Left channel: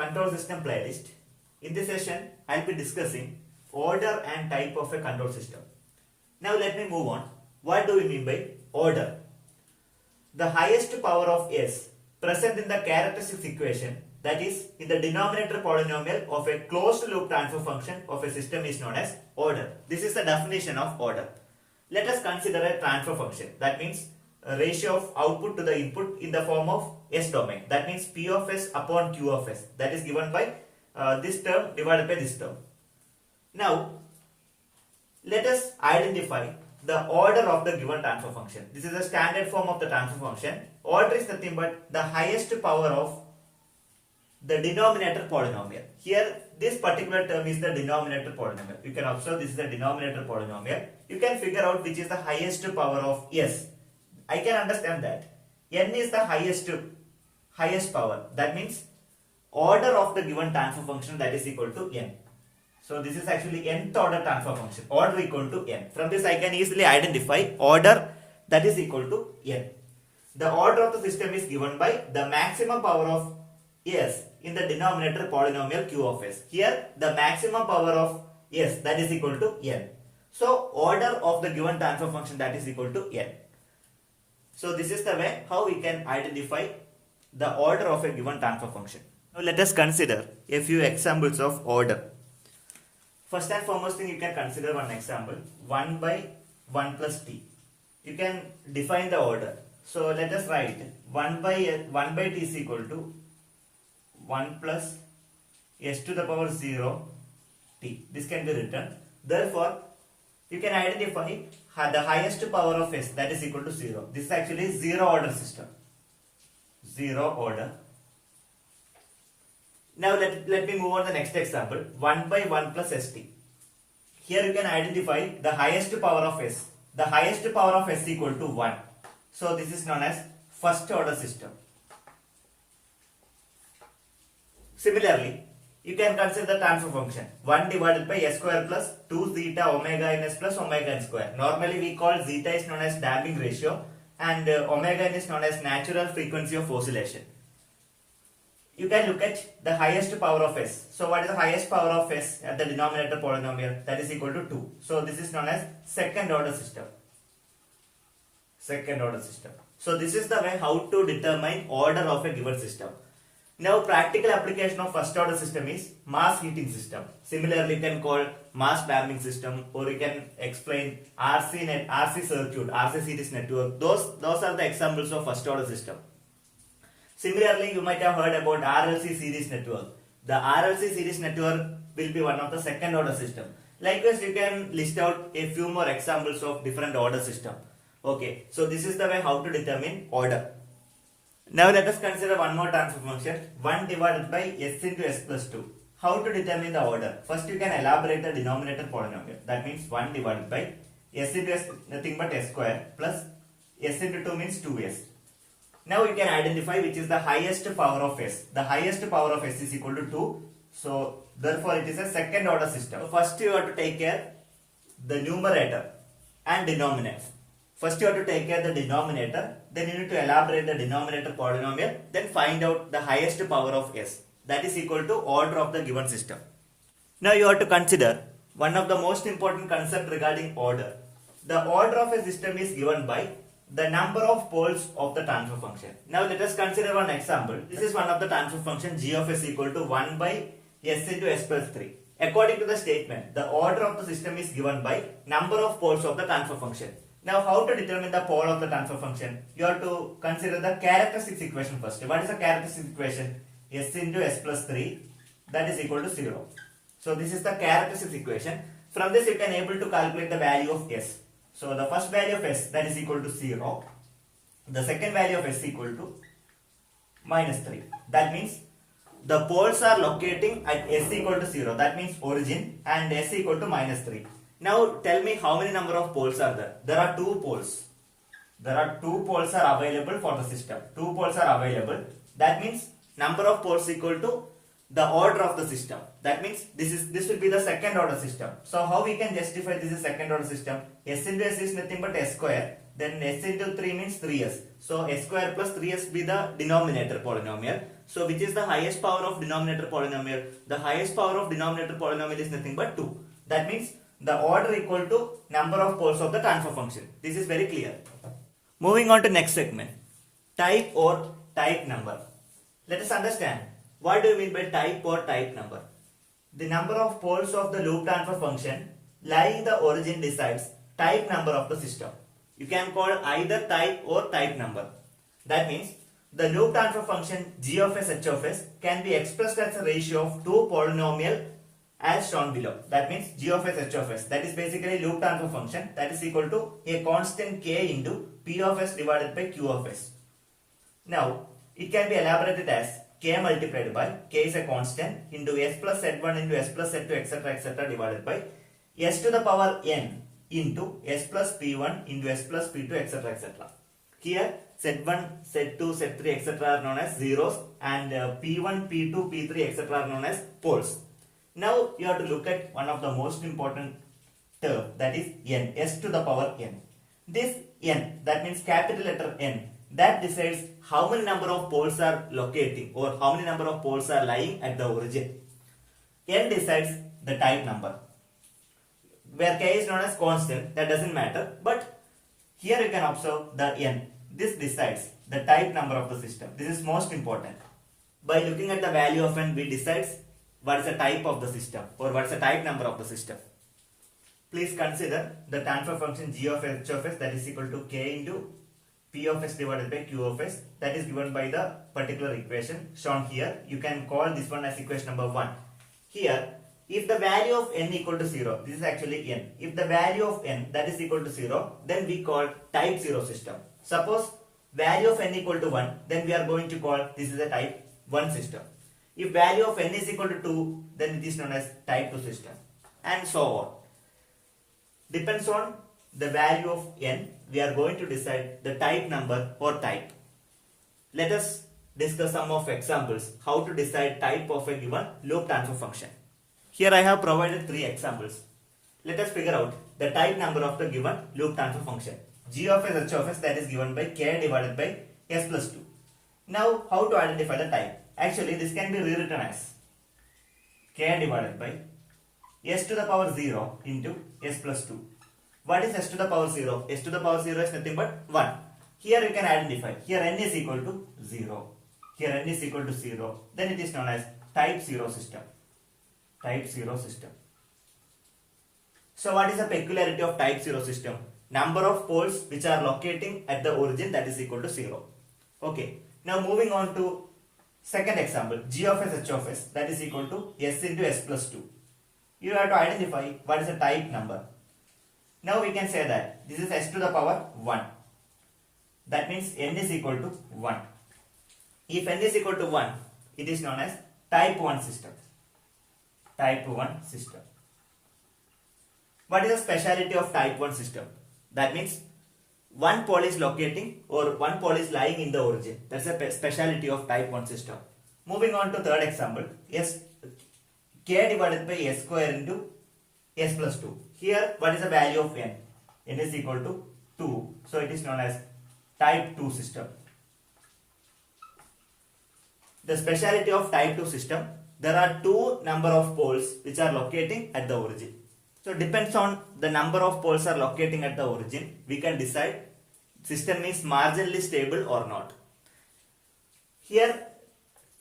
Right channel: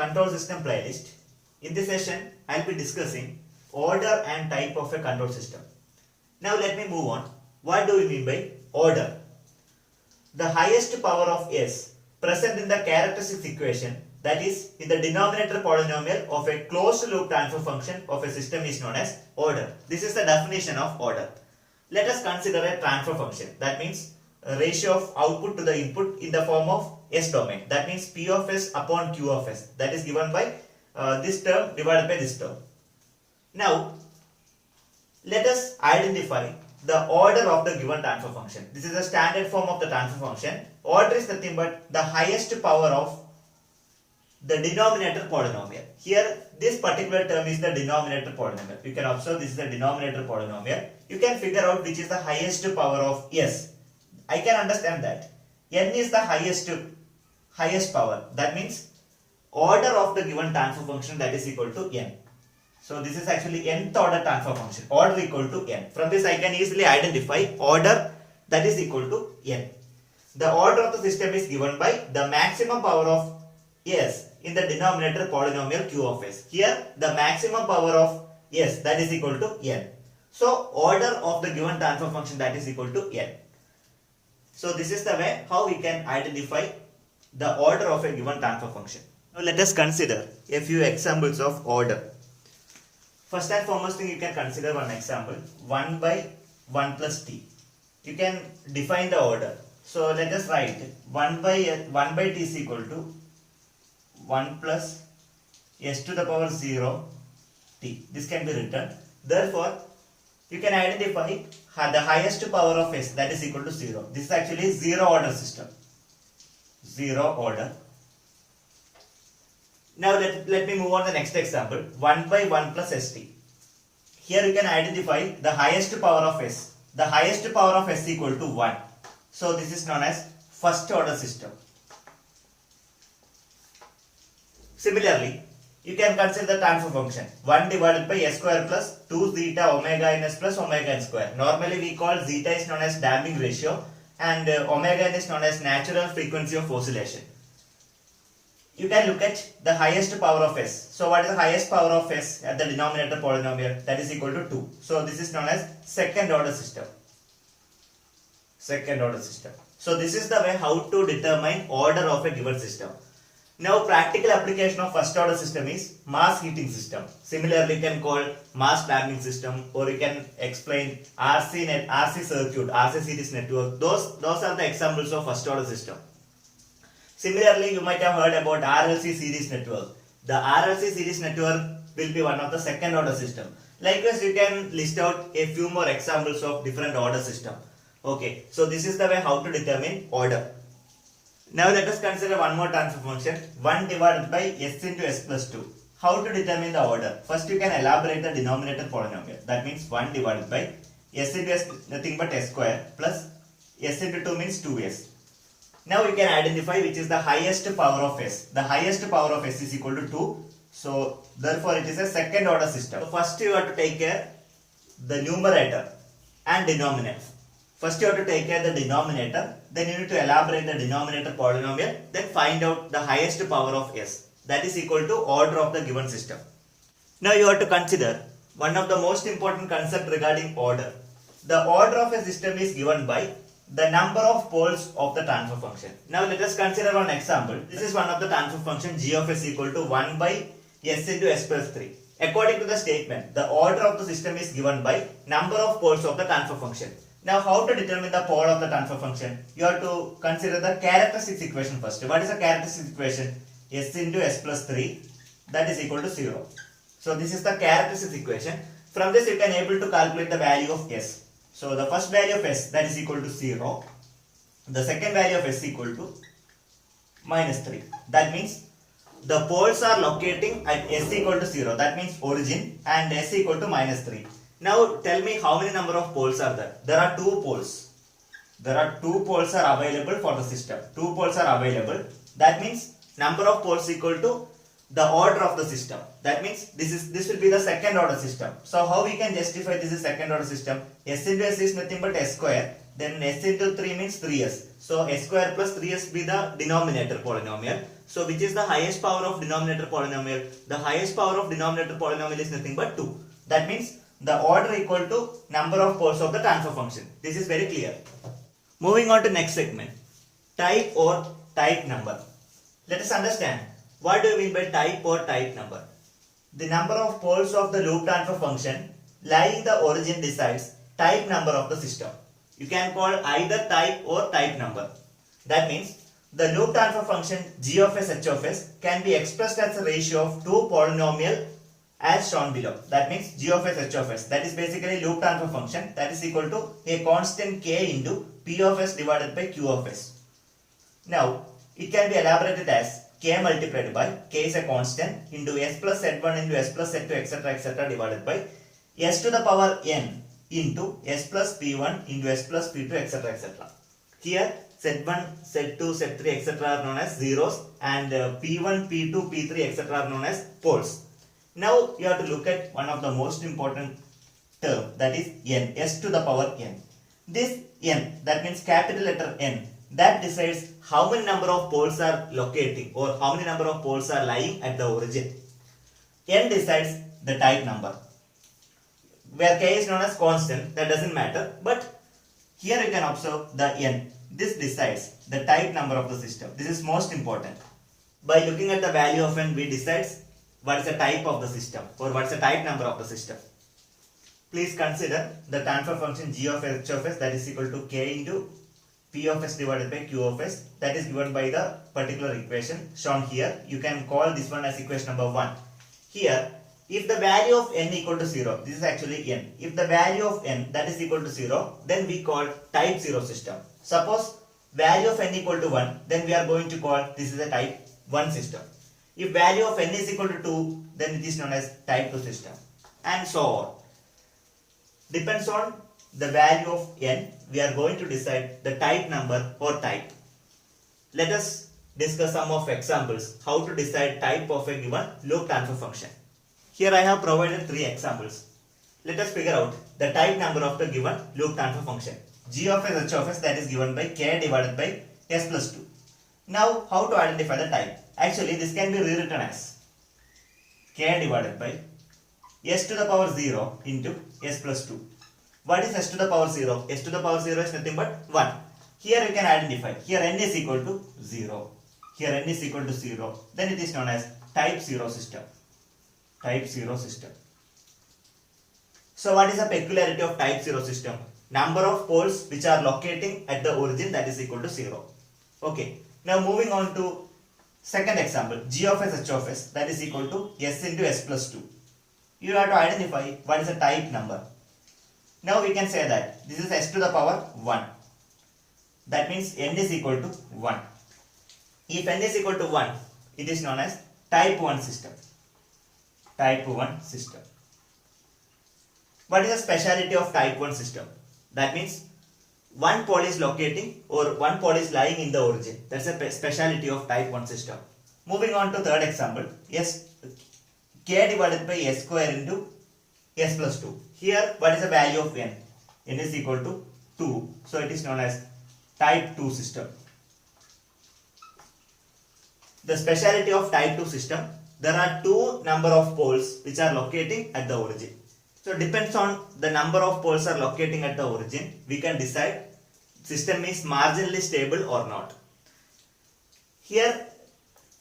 control system playlist. In this session, I'll be discussing order and type of a control system. Now let me move on. What do we mean by order? The highest power of s present in the characteristics equation, that is in the denominator polynomial of a closed loop transfer function of a system, is known as order. This is the definition of order. Let us consider a transfer function. That means a ratio of output to the input in the form of S domain. That means P of S upon Q of S. That is given by this term divided by this term. Now, let us identify the order of the given transfer function. This is the standard form of the transfer function. Order is nothing but the highest power of the denominator polynomial. Here, this particular term is the denominator polynomial. You can observe this is the denominator polynomial. You can figure out which is the highest power of S. I can understand that n is the highest power. That means order of the given transfer function, that is equal to n. So this is actually nth order transfer function. Order equal to n. From this I can easily identify order, that is equal to n. The order of the system is given by the maximum power of s in the denominator polynomial q of s. Here the maximum power of s, that is equal to n. So order of the given transfer function, that is equal to n. So this is the way how we can identify the order of a given transfer function. Now let us consider a few examples of order. First and foremost thing, you can consider one example, 1 by 1 plus t. You can define the order. So let us write 1 by t is equal to 1 plus s to the power 0 t. This can be written. Therefore, you can identify the highest power of s, that is equal to 0. This is actually zero order system. Zero order. Now let me move on to the next example. 1 by 1 plus st. Here you can identify the highest power of s. The highest power of s equal to 1. So this is known as first order system. Similarly, you can consider the transfer function 1 divided by s square plus 2 zeta omega ns plus omega n square. Normally we call zeta is known as damping ratio and omega n is known as natural frequency of oscillation. You can look at the highest power of s. So what is the highest power of s at the denominator polynomial? That is equal to 2. So this is known as second order system. Second order system. So this is the way how to determine order of a given system. Now practical application of first order system is mass heating system. Similarly, you can call mass damping system, or you can explain RC circuit, RC series network. Those are the examples of first order system. Similarly, you might have heard about RLC series network. The RLC series network will be one of the second order system. Likewise, you can list out a few more examples of different order system. Okay, so this is the way how to determine order. Now let us consider one more transfer function, 1 divided by s into s plus 2. How to determine the order? First you can elaborate the denominator polynomial. That means 1 divided by s into s, nothing but s square, plus s into 2 means 2s. Now you can identify which is the highest power of s. The highest power of s is equal to 2. So therefore it is a second order system. So first you have to take care the numerator and denominator. First you have to take care of the denominator, then you need to elaborate the denominator polynomial, then find out the highest power of s. That is equal to order of the given system. Now you have to consider one of the most important concept regarding order. The order of a system is given by the number of poles of the transfer function. Now let us consider one example. This is one of the transfer function g of s equal to 1 by s into s plus 3. According to the statement, the order of the system is given by number of poles of the transfer function. Now how to determine the pole of the transfer function? You have to consider the characteristics equation first. What is the characteristics equation? S into s plus 3, that is equal to 0. So this is the characteristics equation. From this you can able to calculate the value of s. So the first value of s, that is equal to 0. The second value of s equal to minus 3. That means the poles are locating at s equal to 0. That means origin, and s equal to minus 3. Now tell me how many number of poles are there? There are 2 poles. There are 2 poles are available for the system. 2 poles are available. That means number of poles equal to the order of the system. That means this will be the second order system. So how we can justify this is second order system? S into s is nothing but s square. Then s into 3 means 3s. So s square plus 3s be the denominator polynomial. So which is the highest power of denominator polynomial? The highest power of denominator polynomial is nothing but 2. That means the order equal to number of poles of the transfer function. This is very clear. Moving on to next segment. Type or type number. Let us understand what do you mean by type or type number. The number of poles of the loop transfer function lying in the origin decides type number of the system. You can call either type or type number. That means the loop transfer function g of s h of s can be expressed as a ratio of two polynomial as shown below. That means g of s h of s, that is basically loop transfer function, that is equal to a constant k into p of s divided by q of s. Now it can be elaborated as k multiplied by, k is a constant, into s plus z1 into s plus z2 etc divided by s to the power n into s plus p1 into s plus p2 etc. Here z1, z2, z3 etc are known as zeros, and p1, p2, p3 etc are known as poles. Now you have to look at one of the most important term, that is n, s to the power n. This n, that means capital letter N, that decides how many number of poles are locating or how many number of poles are lying at the origin. N decides the type number. Where k is known as constant, that doesn't matter, but here you can observe the n. This decides the type number of the system. This is most important. By looking at the value of n, we decide what is the type of the system or what is the type number of the system. Please consider the transfer function g of h of s, that is equal to k into p of s divided by q of s, that is given by the particular equation shown here. You can call this one as equation number 1. Here, if the value of n equal to 0, this is actually n. If the value of n that is equal to 0, then we call type 0 system. Suppose value of n equal to 1, then we are going to call this is a type 1 system. If value of n is equal to 2, then it is known as type 2 system, and so on. Depends on the value of n, we are going to decide the type number or type. Let us discuss some of examples how to decide type of a given loop transfer function. Here I have provided 3 examples. Let us figure out the type number of the given loop transfer function. G of s h of s, that is given by k divided by s plus 2. Now how to identify the type? Actually this can be rewritten as k divided by s to the power 0 into s plus 2. What is s to the power 0? S to the power 0 is nothing but 1. Here we can identify. Here n is equal to 0. Here n is equal to 0. Then it is known as type 0 system. Type 0 system. So what is the peculiarity of type 0 system? Number of poles which are locating at the origin, that is equal to 0. Okay. Now moving on to second example. G of s h of s, that is equal to s into s plus 2. You have to identify what is the type number. Now we can say that this is s to the power 1. That means n is equal to 1. If n is equal to 1, it is known as type 1 system. Type 1 system. What is the speciality of type 1 system? That means one pole is locating or one pole is lying in the origin. That's a speciality of type 1 system. Moving on to third example. K divided by s square into s plus 2. Here what is the value of n? N is equal to 2. So it is known as type 2 system. The speciality of type 2 system, there are two number of poles which are locating at the origin. So depends on the number of poles are locating at the origin, we can decide system is marginally stable or not. Here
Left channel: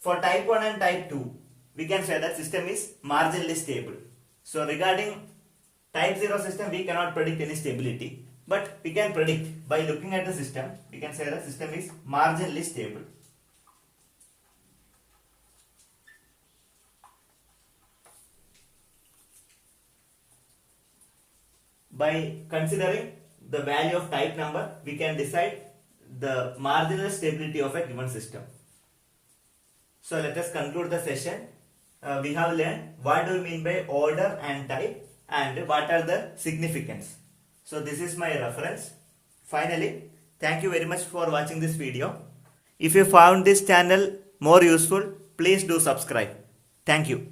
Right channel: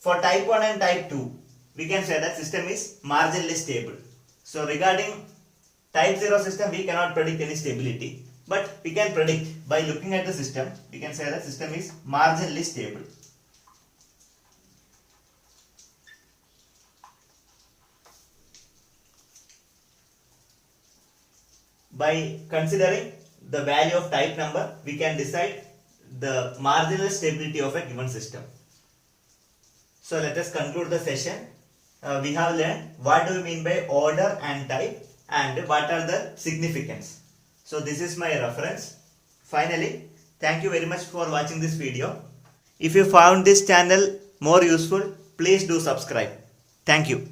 for type 1 and type 2, we can say that system is marginally stable. So regarding type 0 system, we cannot predict any stability, but we can predict by looking at the system, we can say that system is marginally stable. By considering the value of type number, we can decide the marginal stability of a given system. So let us conclude the session. We have learned what do we mean by order and type and what are the significance. So this is my reference. Finally, thank you very much for watching this video. If you found this channel more useful, please do subscribe. Thank you.